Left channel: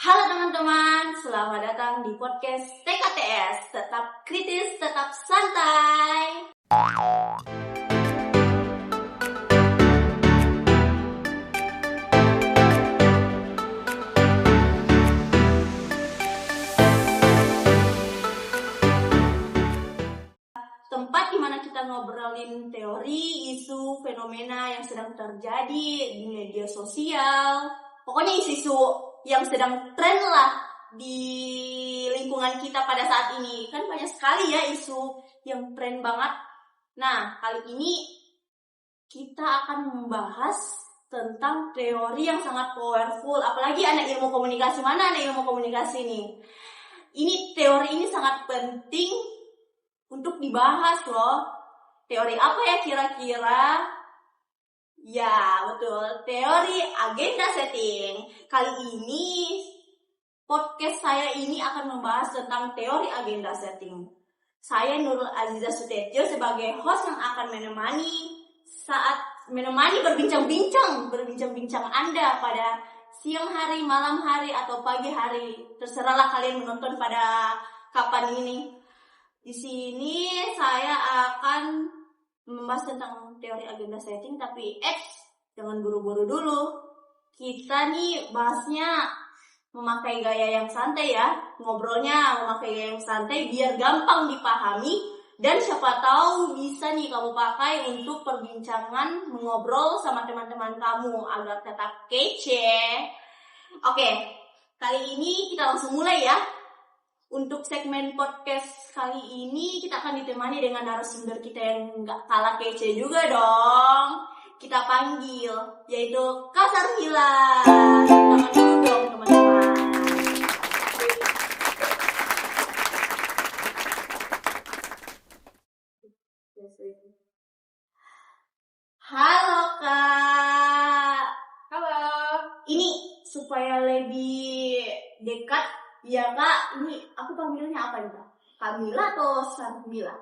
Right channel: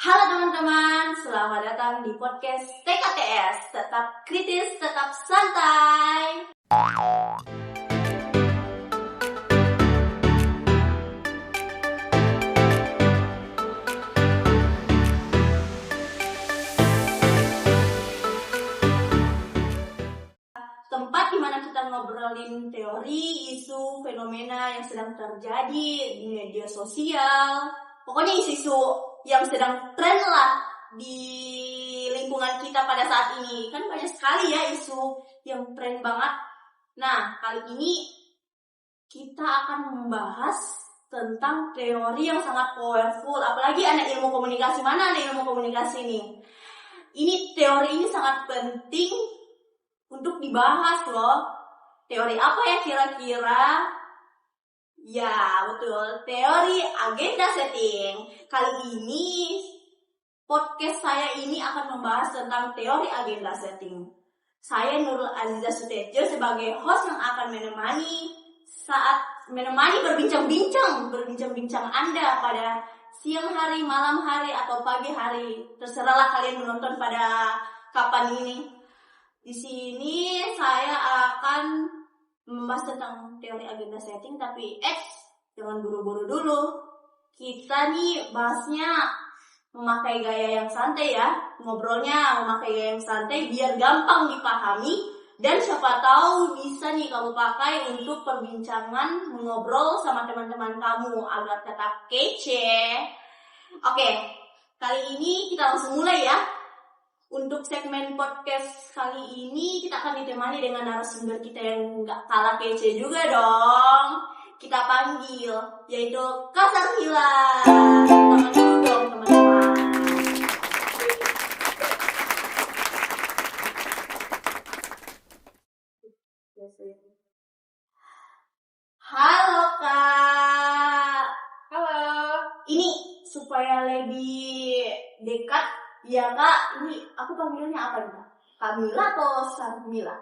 Halo teman-teman, selamat datang di podcast TKTS. Tetap kritis, tetap santai. Tempat dimana kita ngobrolin teori, isu, fenomena yang sedang terjadi di media sosial. Pokoknya isu-isu yang sedang tren lah di lingkungan kita pada saat ini. Kan banyak sekali ya isu yang tren banget. Nah, kali ini kita akan membahas tentang teori yang sangat powerful. Apalagi anak ilmu komunikasi. Mana anak ilmu komunikasi nih? Teori ini sangat penting untuk dibahas loh. Teori apa ya kira-kira? Ya, betul. Teori agenda setting. Kali ini podcast saya ini akan membahas tentang teori agenda setting. Saya Nurul Aziza Sutetjo sebagai host yang akan menemani berbincang-bincang Anda pada siang hari, malam hari, atau pagi hari. Terserahlah kalian menonton pada kapan ini. Di sini saya akan membahas tentang teori agenda setting, tapi jangan buru-buru dulu. Kita nih bahasnya memakai gaya yang santai ya. Ngobrolnya memakai gaya yang santai biar gampang dipahami dan siapa tahu bisa nih kamu pakai untuk perbincangan mengobrol sama teman-teman kamu agar tetap kece. Oke, kali ini kita langsung mulai ya. Untuk segmen podcast kali ini kita akan ditemani dengan narasumber kita yang gak kalah kece juga dong. Kita panggil, yaitu Kak Sarmila. Tangan dulu dong teman-teman. Halo Kak. Halo. Ini supaya lebih dekat. Ya Kak, ini aku panggilannya apa nih Kak? Kamila atau Sarmila?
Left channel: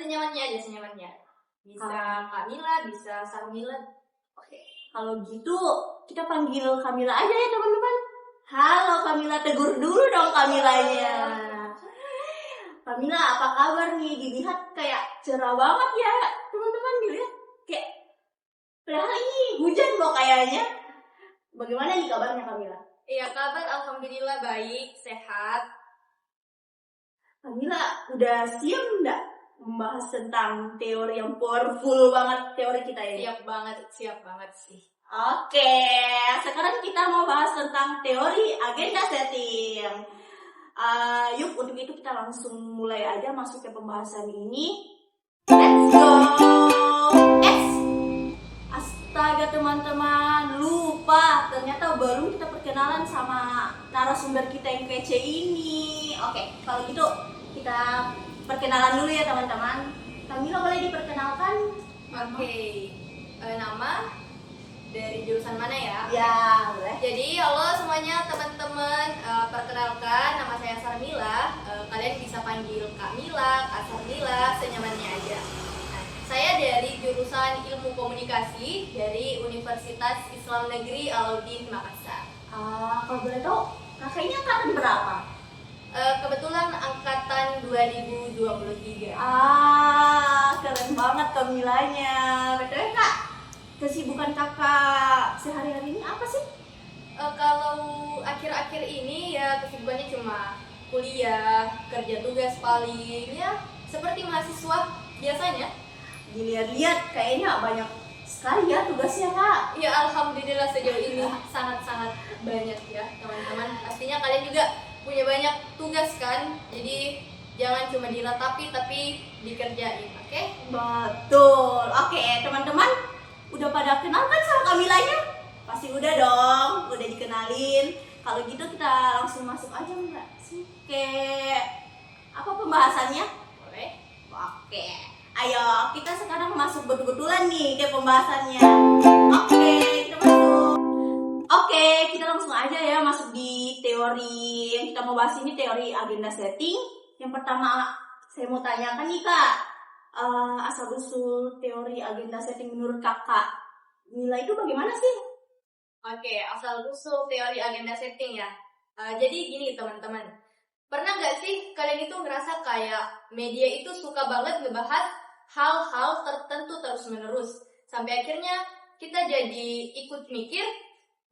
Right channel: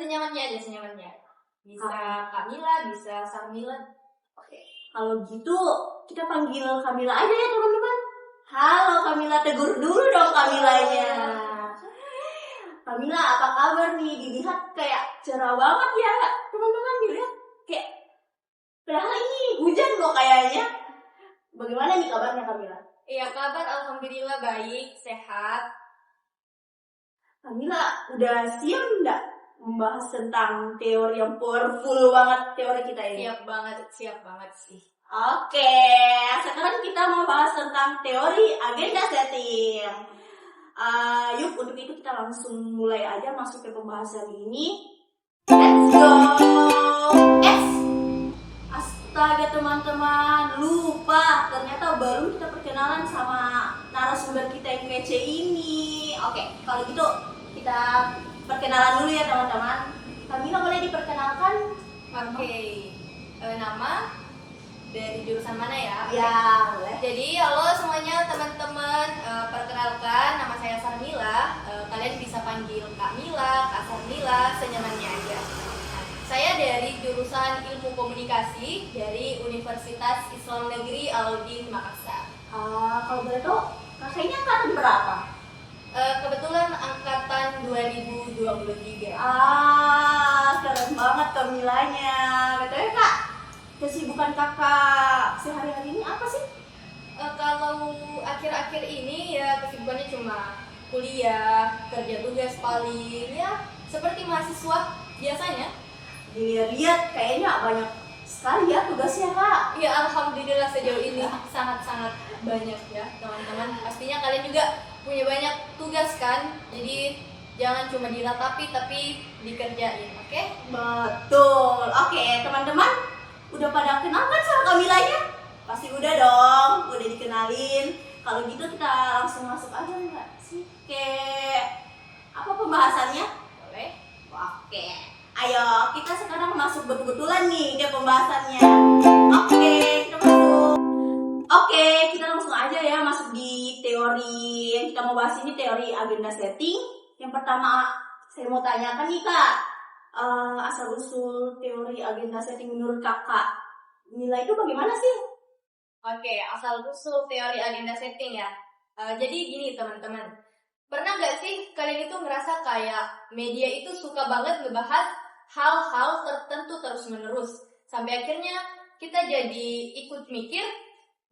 Senyamannya aja, senyamannya. Bisa Kamila, bisa Sarmila. Oke, kalau gitu kita panggil Kamila aja ya teman-teman. Halo Kamila, tegur dulu dong Kamilanya. Kamila, apa kabar nih? Dilihat kayak cerah banget ya teman-teman, dilihat kayak padahal ini hujan loh kayaknya. Bagaimana nih kabarnya Kamila? Iya, kabar alhamdulillah baik, sehat. Kamila, udah siap enggak membahas tentang teori yang powerful banget teori kita ini? Siap banget sih. Oke, sekarang kita mau bahas tentang teori agenda setting. Yuk, untuk itu kita langsung mulai aja masuk ke pembahasan ini. Let's go! Astaga teman-teman, lupa. Ternyata belum kita perkenalan sama narasumber kita yang kece ini. Oke, kalau gitu kita perkenalan dulu ya teman-teman. Kamila boleh diperkenalkan? Oke. Nama dari jurusan mana ya? Ya, boleh. Jadi halo semuanya teman-teman, perkenalkan nama saya Sarmila. Kalian bisa panggil Kak Mila, Kak Sarmila, senyamannya aja. Saya dari jurusan Ilmu Komunikasi dari Universitas Islam Negeri Alauddin Makassar. Kalau boleh tahu, kakaknya angkatan berapa? Kebetulan angkatan 2023. Keren banget Kamilanya. Betul Kak, kesibukan kakak sehari-hari ini apa sih? Kalau akhir-akhir ini ya kesibukannya cuma kuliah, kerja tugas paling ya seperti mahasiswa biasanya. Dilihat-lihat kayaknya banyak sekali ya tugasnya Kak. Ya alhamdulillah sejauh ini sangat-sangat banyak ya teman-teman. Pastinya kalian juga punya banyak tugas kan. Jadi jangan cuma diratapi tapi dikerjain, oke? Betul. Oke, teman-teman udah pada kenal kan sama Kamilanya? Pasti udah dong, udah dikenalin. Kalau gitu kita langsung masuk aja enggak sih ke apa pembahasannya? Boleh? Oke. Ayo, kita sekarang masuk betul-betulan nih ke pembahasannya. Oke, kita langsung aja ya masuk di teori yang kita mau bahas ini, teori agenda setting. Yang pertama saya mau tanyakan nih Kak, asal-usul teori agenda setting menurut Kakak Mila itu bagaimana sih? Oke, asal usul teori agenda setting ya. Jadi gini teman-teman, pernah nggak sih kalian itu ngerasa kayak media itu suka banget ngebahas hal-hal tertentu terus-menerus, sampai akhirnya kita jadi ikut mikir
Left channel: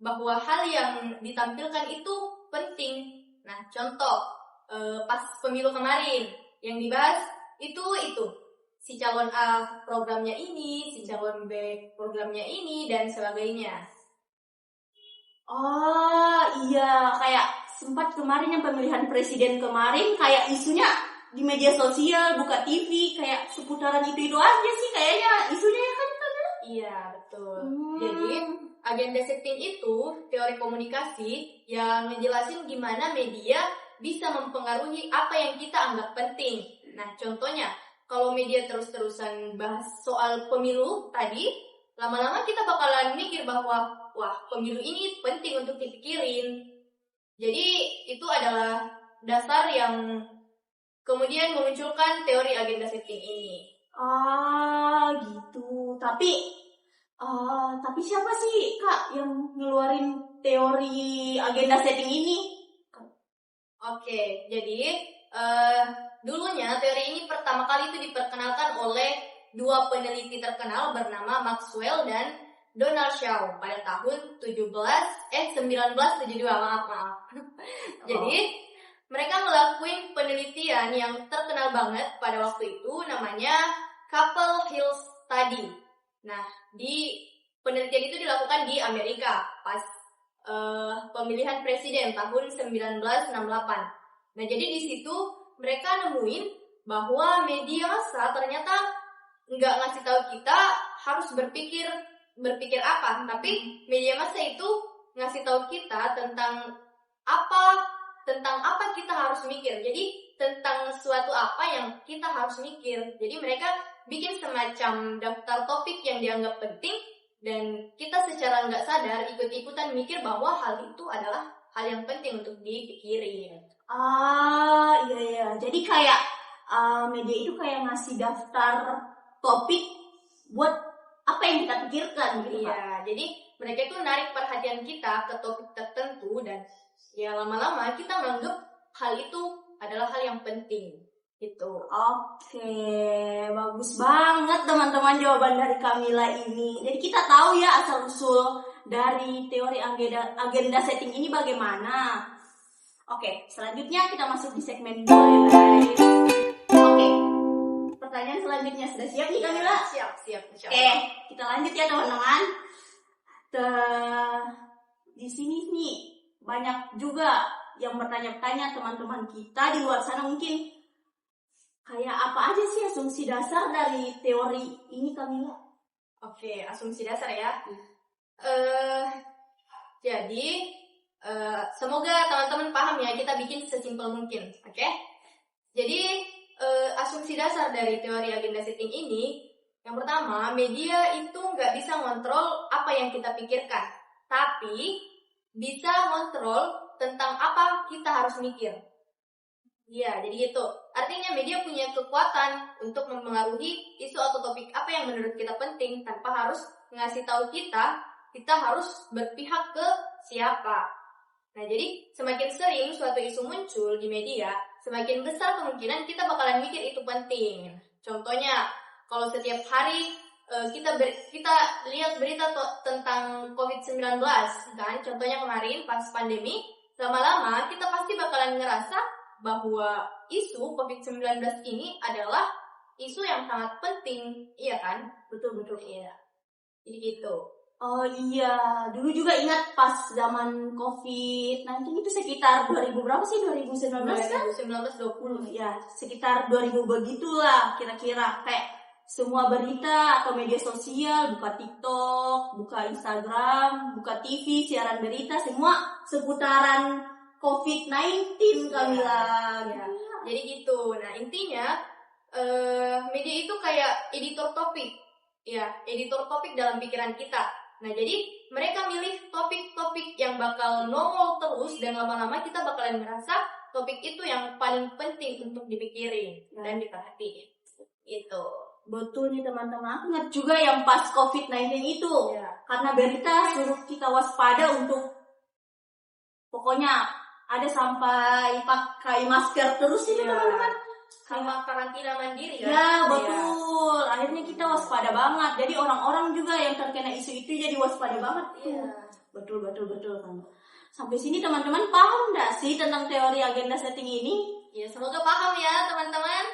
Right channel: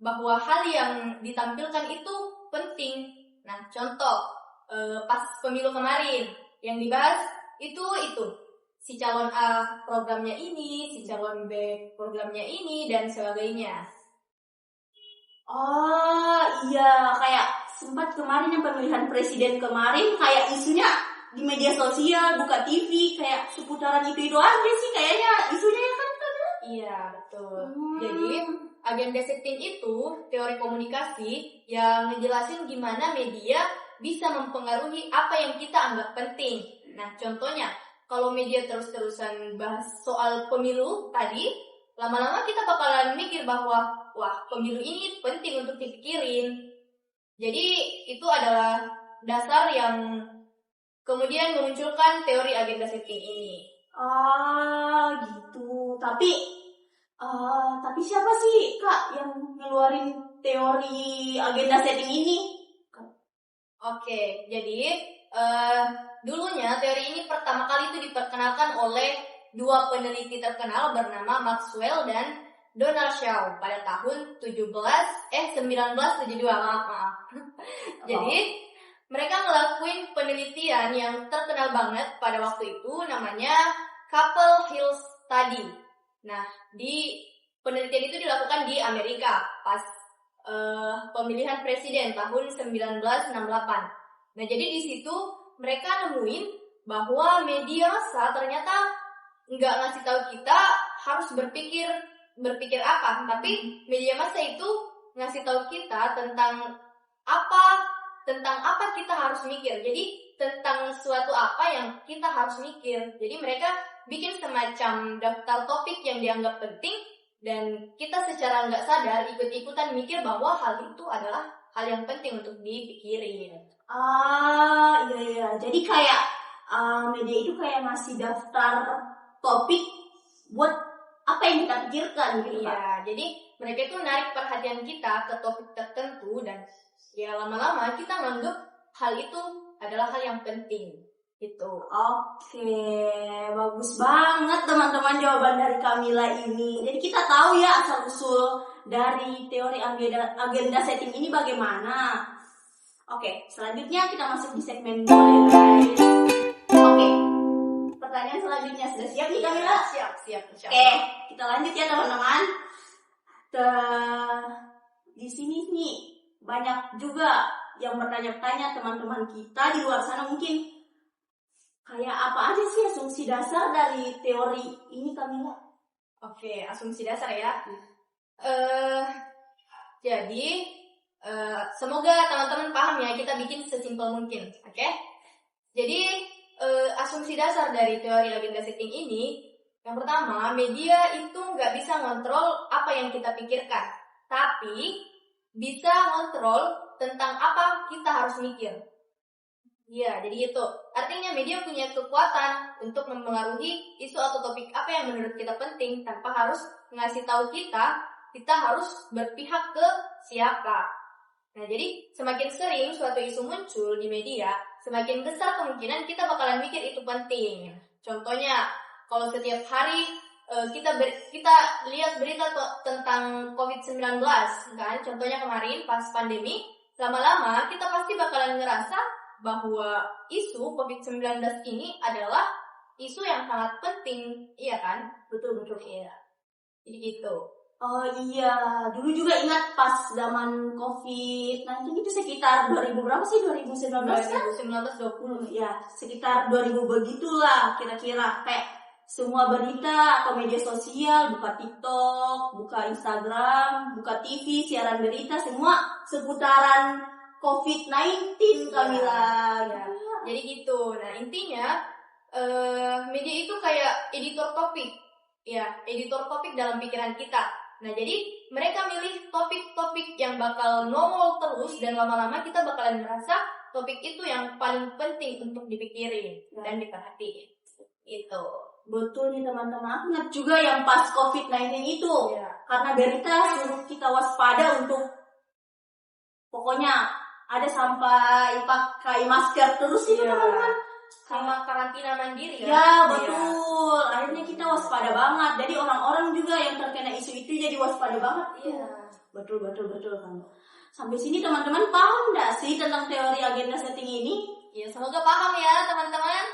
bahwa hal yang ditampilkan itu penting. Nah, contoh pas pemilu kemarin yang dibahas itu si calon A programnya ini, si calon B programnya ini dan sebagainya. Oh iya, kayak sempat kemarin yang pemilihan presiden kemarin kayak isunya di media sosial, buka TV, kayak seputaran itu aja sih kayaknya isunya ya kan? Iya, betul. Jadi, agenda setting itu teori komunikasi yang ngejelasin gimana media bisa mempengaruhi apa yang kita anggap penting. Nah, contohnya, kalau media terus-terusan bahas soal pemilu tadi, lama-lama kita bakalan mikir bahwa, wah, pemilu ini penting untuk dipikirin. Jadi, itu adalah dasar yang kemudian memunculkan teori agenda setting ini. Ah gitu. Tapi siapa sih Kak yang ngeluarin teori agenda setting ini? Oke, jadi dulunya teori ini pertama kali itu diperkenalkan oleh dua peneliti terkenal bernama Maxwell dan Donald Shaw pada tahun 1972, maaf. Jadi mereka ngelakuin penelitian yang terkenal banget pada waktu itu, namanya Capitol Hill Study. Nah, di penelitian itu dilakukan di Amerika pas pemilihan presiden tahun 1968. Nah, jadi di situ mereka nemuin bahwa media massa ternyata nggak ngasih tahu kita harus berpikir apa, tapi media massa itu ngasih tahu kita tentang apa kita harus mikir. Jadi tentang suatu apa yang kita harus mikir. Jadi mereka bikin semacam daftar topik yang dianggap penting dan kita secara nggak sadar ikut-ikutan mikir bahwa hal itu adalah hal yang penting untuk dipikirin. Iya. Jadi kayak media itu kayak ngasih daftar topik buat apa yang kita pikirkan gitu, Pak. Iya, jadi mereka itu narik perhatian kita ke topik tertentu dan ya lama-lama kita menganggap hal itu adalah hal yang penting gitu. Oke, bagus banget teman-teman jawaban dari Kamila ini. Jadi kita tahu ya asal-usul dari teori agenda setting ini bagaimana. Oke, selanjutnya kita masuk di segmen 2 ya guys. Oke, pertanyaan selanjutnya sudah siap nih Kamila? Siap. Oke, kita lanjut ya teman-teman. Di sini nih banyak juga yang bertanya-tanya teman-teman kita di luar sana mungkin kayak apa aja sih asumsi dasar dari teori ini Kamila? Oke, asumsi dasar ya. Jadi semoga teman-teman paham ya, kita bikin sesimpel mungkin. Oke? Jadi asumsi dasar dari teori agenda setting ini, yang pertama, media itu nggak bisa ngontrol apa yang kita pikirkan, tapi bisa ngontrol tentang apa kita harus mikir. Iya, jadi gitu. Artinya media punya kekuatan untuk mempengaruhi isu atau topik apa yang menurut kita penting tanpa harus ngasih tahu kita harus berpihak ke siapa. Nah, jadi semakin sering suatu isu muncul di media, semakin besar kemungkinan kita bakalan mikir itu penting. Contohnya, kalau setiap hari kita lihat berita tentang COVID-19, kan? Contohnya kemarin pas pandemi, lama-lama kita pasti bakalan ngerasa bahwa isu COVID-19 ini adalah isu yang sangat penting, iya kan? Betul. Iya. Jadi gitu. Oh iya, dulu juga ingat pas zaman COVID-19 itu sekitar 2000 berapa sih? 2019 kan? 2019-20. Ya, sekitar 2000 begitulah kira-kira. Kayak semua berita atau media sosial, buka TikTok, buka Instagram, buka TV, siaran berita, semua seputaran COVID-19 Kamila. Ya. Jadi gitu. Nah, intinya media itu kayak editor topik. Ya, editor topik dalam pikiran kita. Nah, jadi mereka milih topik-topik yang bakal nongol terus dan lama-lama kita bakalan merasa topik itu yang paling penting untuk dipikirin dan diperhatiin. Gitu. Betul nih teman-teman, aku ingat juga yang pas COVID-19 itu. Karena berita suruh kita waspada untuk pokoknya ada sampai pakai masker terus itu teman-teman. Sama karantina mandiri kan? Ya betul. Akhirnya kita waspada banget. Jadi orang-orang juga yang terkena isu itu jadi waspada banget. Iya. Betul kan. Sampai sini teman-teman paham nggak sih tentang teori agenda setting ini? Ya semoga paham ya teman-teman.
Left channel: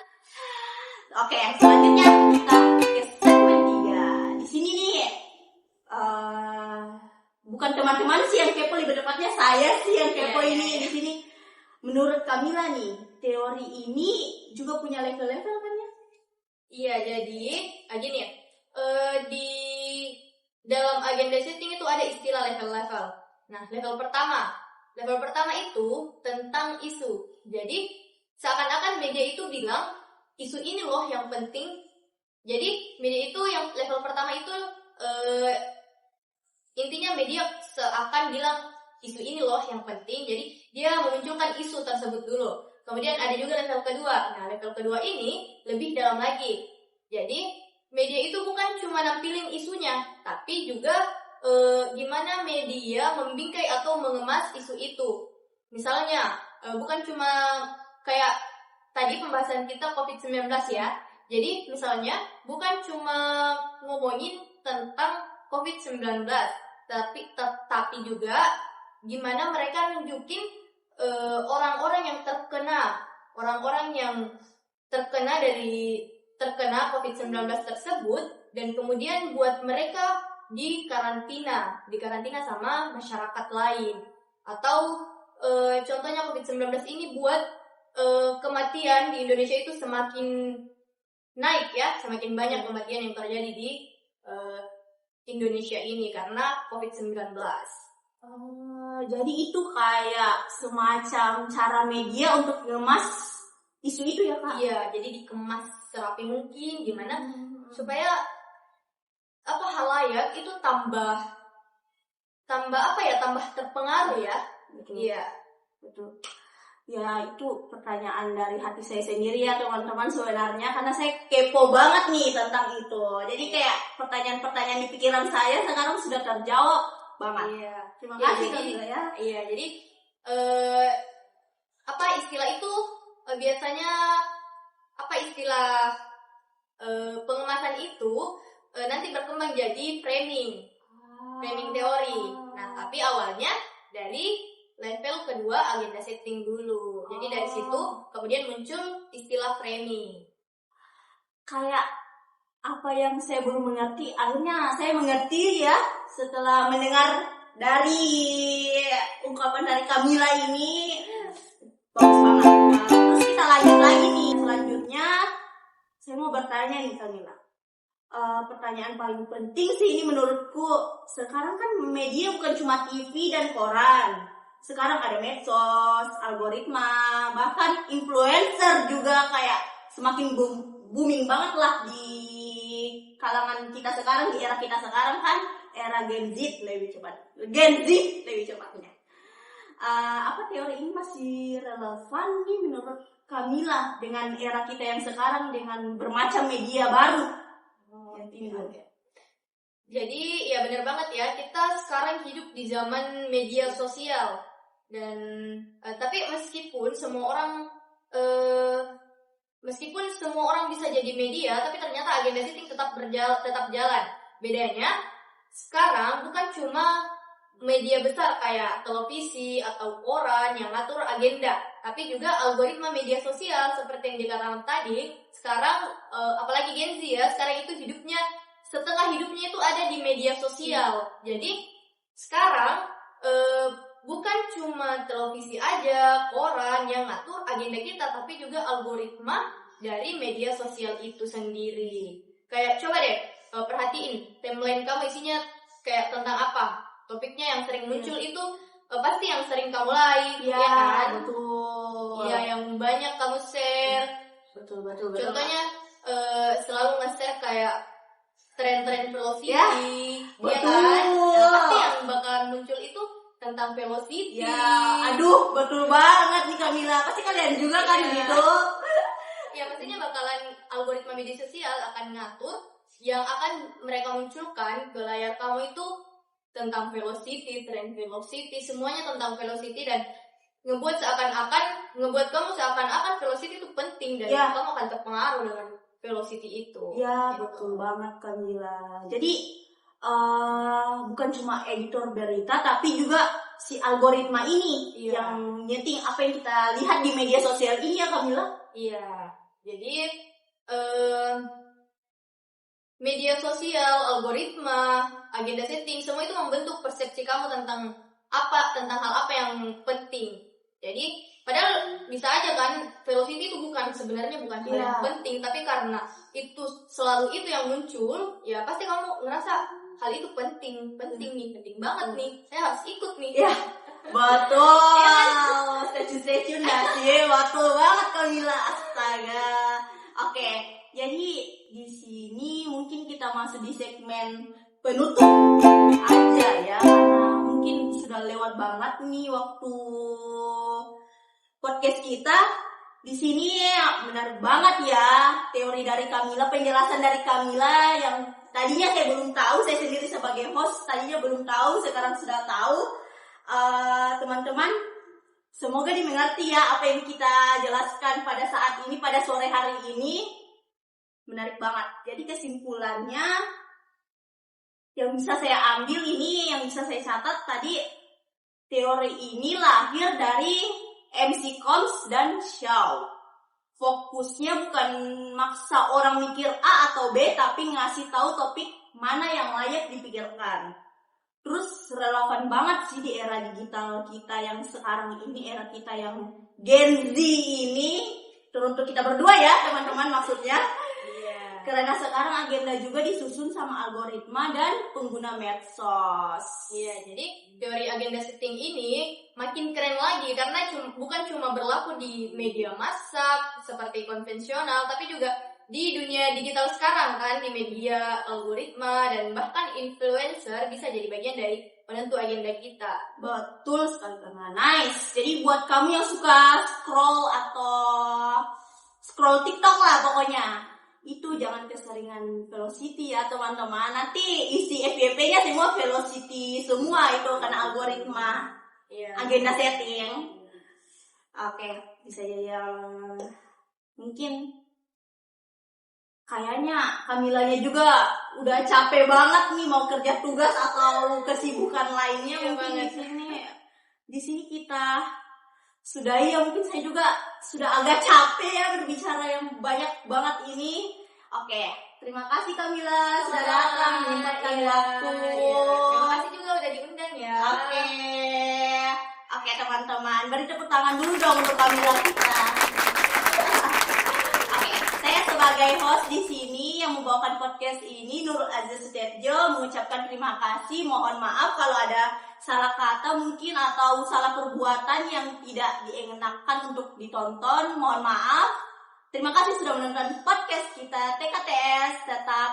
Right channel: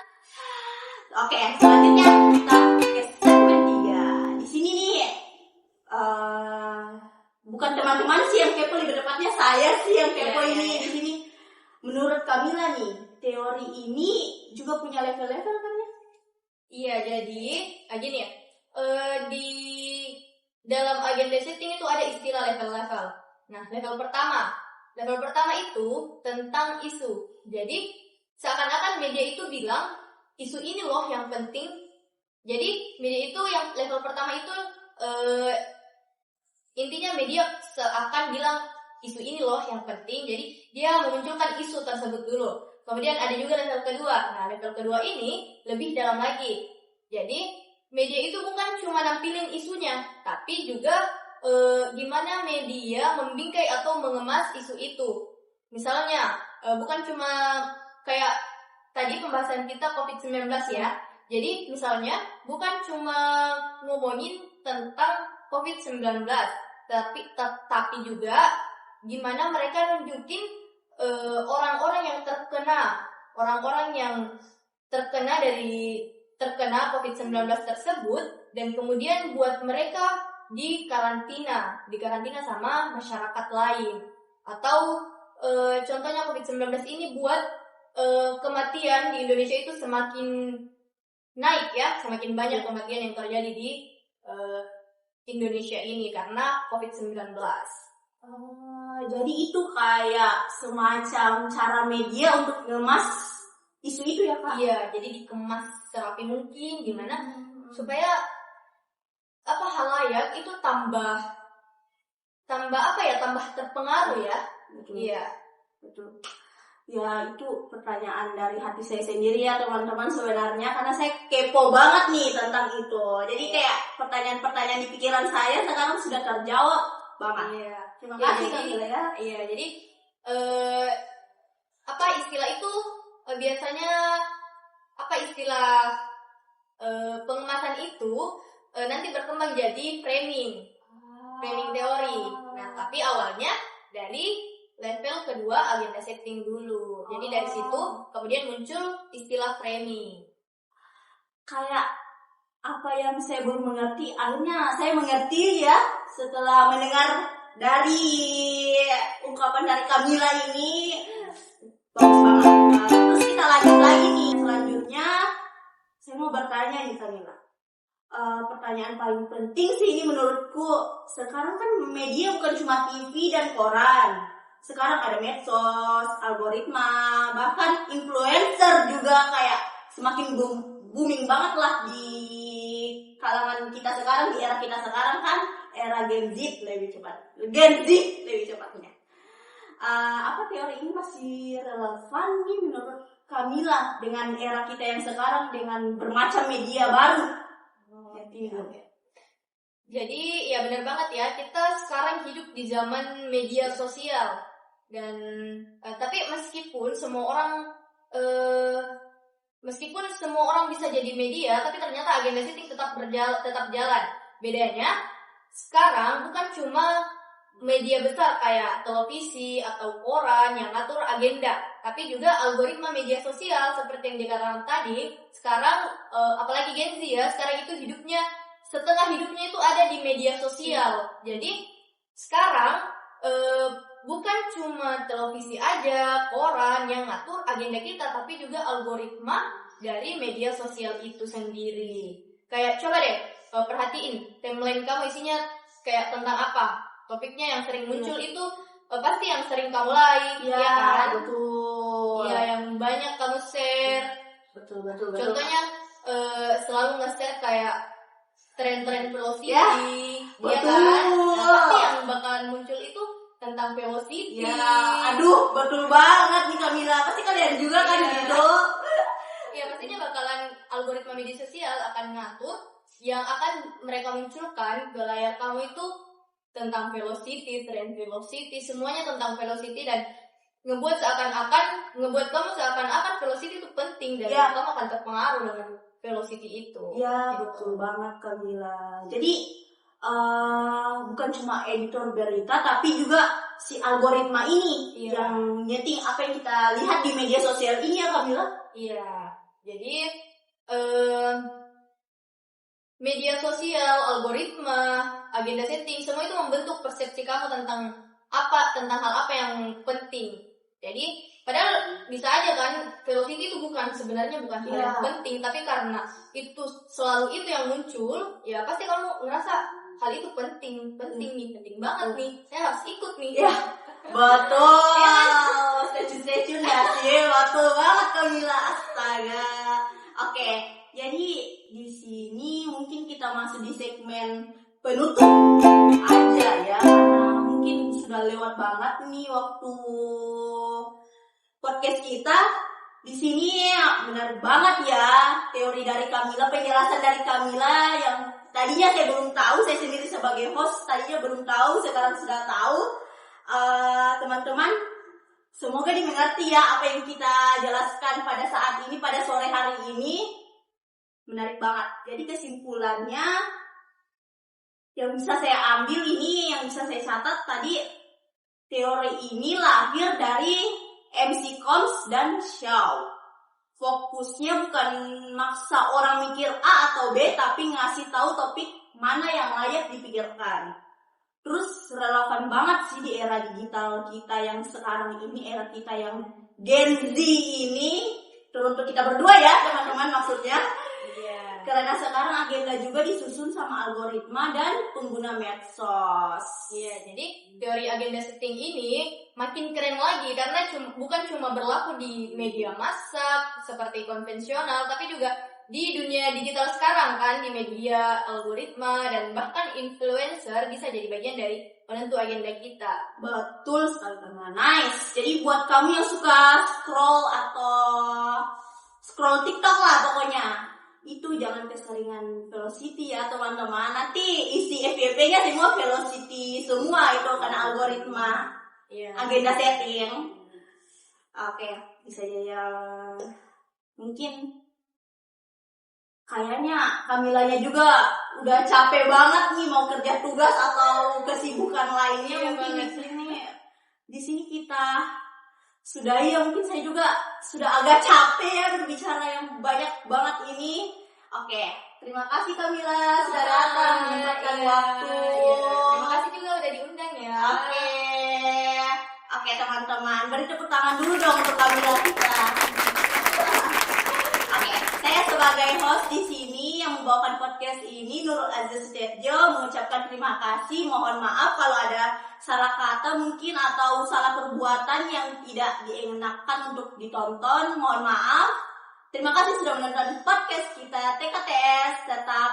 Oke, selanjutnya kita ke segmen 3. Di sini nih, bukan teman-teman sih yang kepo, lebih tepatnya saya sih yang kepo ini di sini. Menurut Kamila nih, teori ini juga punya level-level kan ya? Iya, jadi gini ya. Di dalam agenda setting itu ada istilah level-level. Nah, level pertama itu tentang isu. Jadi seakan-akan media itu bilang isu ini loh yang penting. Jadi media itu yang level pertama itu intinya media seakan bilang isu ini loh yang penting. Jadi dia memunculkan isu tersebut dulu. Kemudian ada juga level kedua. Nah, level kedua ini lebih dalam lagi. Jadi media itu bukan cuma nampilin isunya, tapi juga gimana media membingkai atau mengemas isu itu. Misalnya, bukan cuma kayak tadi pembahasan kita COVID-19 ya. Jadi misalnya bukan cuma ngomongin tentang COVID-19, tapi juga gimana mereka nunjukin orang-orang yang terkena COVID-19 tersebut, dan kemudian buat mereka di karantina sama masyarakat lain. Atau contohnya COVID-19 ini buat kematian di Indonesia itu semakin naik ya, semakin banyak kematian yang terjadi di Indonesia ini karena COVID-19. Jadi itu kayak semacam cara media untuk ngemas isu itu ya Kak? Iya, jadi dikemas serapi mungkin gimana supaya halayak itu tambah terpengaruh ya. Betul. Iya, betul. Ya itu pertanyaan dari hati saya sendiri ya teman-teman sebenarnya, karena saya kepo banget nih tentang itu. Jadi kayak pertanyaan-pertanyaan di pikiran saya sekarang sudah terjawab banget. Iya. Terima kasih Kamila ya. Iya, jadi istilah itu biasanya istilah pengemasan itu nanti berkembang jadi framing teori. Nah, tapi awalnya dari level kedua agenda setting dulu. Jadi dari situ kemudian muncul istilah framing. Kayak apa yang saya belum mengerti, akhirnya saya mengerti ya setelah mendengar dari ungkapan dari Kamila ini. Bagus banget. Terus kita lanjut lagi nih. Selanjutnya saya mau bertanya nih Kamila. Pertanyaan paling penting sih ini menurutku, sekarang kan media bukan cuma TV dan koran. Sekarang ada medsos, algoritma, bahkan influencer juga kayak semakin booming banget lah di kalangan kita sekarang, di era kita sekarang kan, era Gen Z lebih cepatnya. Apa teori ini masih relevan nih menurut Kamila dengan era kita yang sekarang dengan bermacam media baru? Jadi ya benar banget ya, kita sekarang hidup di zaman media sosial. Dan tapi meskipun semua orang bisa jadi media, tapi ternyata agenda setting tetap jalan. Bedanya sekarang bukan cuma media besar kayak televisi atau koran yang ngatur agenda, tapi juga algoritma media sosial seperti yang dikatakan tadi. Sekarang apalagi Gen Z ya, sekarang itu setengah hidupnya itu ada di media sosial. Jadi sekarang bukan cuma televisi aja, koran yang ngatur agenda kita, tapi juga algoritma dari media sosial itu sendiri. Kayak coba deh perhatiin timeline kamu isinya kayak tentang apa. Topiknya yang sering muncul itu pasti yang sering kamu like, ya kan? Betul. Iya, yang banyak kamu share. Betul. Contohnya selalu nge-share kayak tren-tren velocity, ya kan? Nah, pasti yang bakalan muncul itu tentang velocity. Ya, aduh, betul banget nih Kamila. Pasti kalian juga kan gitu. Ya, pastinya bakalan algoritma media sosial akan ngatur yang akan mereka munculkan ke layar kamu itu tentang velocity, tren velocity, semuanya tentang velocity. Dan ngebuat kamu seakan-akan velocity itu penting dan Ya. kamu akan terpengaruh dengan velocity itu. Ya, Gitu. betul banget Kamila. Jadi bukan cuma editor berita, tapi juga si algoritma ini Iya. yang nyeting apa yang kita lihat di media sosial ini ya Kamila. Iya, jadi media sosial, algoritma, agenda setting, semua itu membentuk persepsi kamu tentang hal apa yang penting. Jadi padahal bisa aja kan velocity itu sebenarnya bukan hal yang penting, tapi karena itu selalu itu yang muncul, ya pasti kamu ngerasa hal itu penting banget nih, saya harus ikut nih. Ya, betul. Stay tune dah sih, betul banget Kamila. Astaga. Oke, jadi di sini mungkin kita masuk di segmen penutup aja ya. Mungkin sudah lewat banget nih waktu podcast kita. Di sini benar banget ya teori dari Kamila, penjelasan dari Kamila yang tadinya saya belum tahu, saya sendiri sebagai host tadinya belum tahu, sekarang sudah tahu. Teman-teman, semoga dimengerti ya apa yang kita jelaskan pada saat ini, pada sore hari ini. Menarik banget. Jadi kesimpulannya yang bisa saya ambil ini, yang bisa saya catat tadi, teori ini lahir dari MC Combs dan Shaw. Fokusnya bukan maksa orang mikir A atau B, tapi ngasih tahu topik mana yang layak dipikirkan. Terus relevan banget sih di era digital kita yang sekarang ini, era kita yang Gen Z ini, teruntuk kita berdua ya teman-teman maksudnya. Karena sekarang agenda juga disusun sama algoritma dan pengguna medsos. Iya, jadi teori agenda setting ini makin keren lagi karena bukan cuma berlaku di media massa seperti konvensional, tapi juga di dunia digital sekarang kan, di media algoritma dan bahkan influencer bisa jadi bagian dari penentu agenda kita. Betul sekali teman. Nice. Jadi buat kamu yang suka scroll TikTok lah pokoknya, itu jangan keseringan velocity ya teman-teman. Nanti isi FYP-nya semua velocity semua itu karena algoritma. Agenda setting. Oke, bisa ya. Mungkin kayaknya Kamilanya juga udah capek banget nih mau kerja tugas atau kesibukan lainnya. Mungkin di sini kita sudahi ya. Mungkin saya juga sudah agak capek ya berbicara yang banyak banget ini. Oke, terima kasih Kamila sudah datang menyempatkan waktu. Terima kasih juga udah diundang ya. Oke teman-teman, beri tepuk tangan dulu dong untuk Kamila kita. Oke, saya sebagai host di sini yang membawakan podcast ini, Nurul Aziz Setiarjo, mengucapkan terima kasih. Mohon maaf kalau ada salah kata mungkin atau salah perbuatan yang tidak dienakkan untuk ditonton. Mohon maaf. Terima kasih sudah menonton podcast kita TKTS. Tetap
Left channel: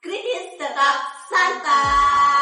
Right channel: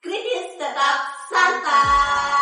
kritis, tetap santai.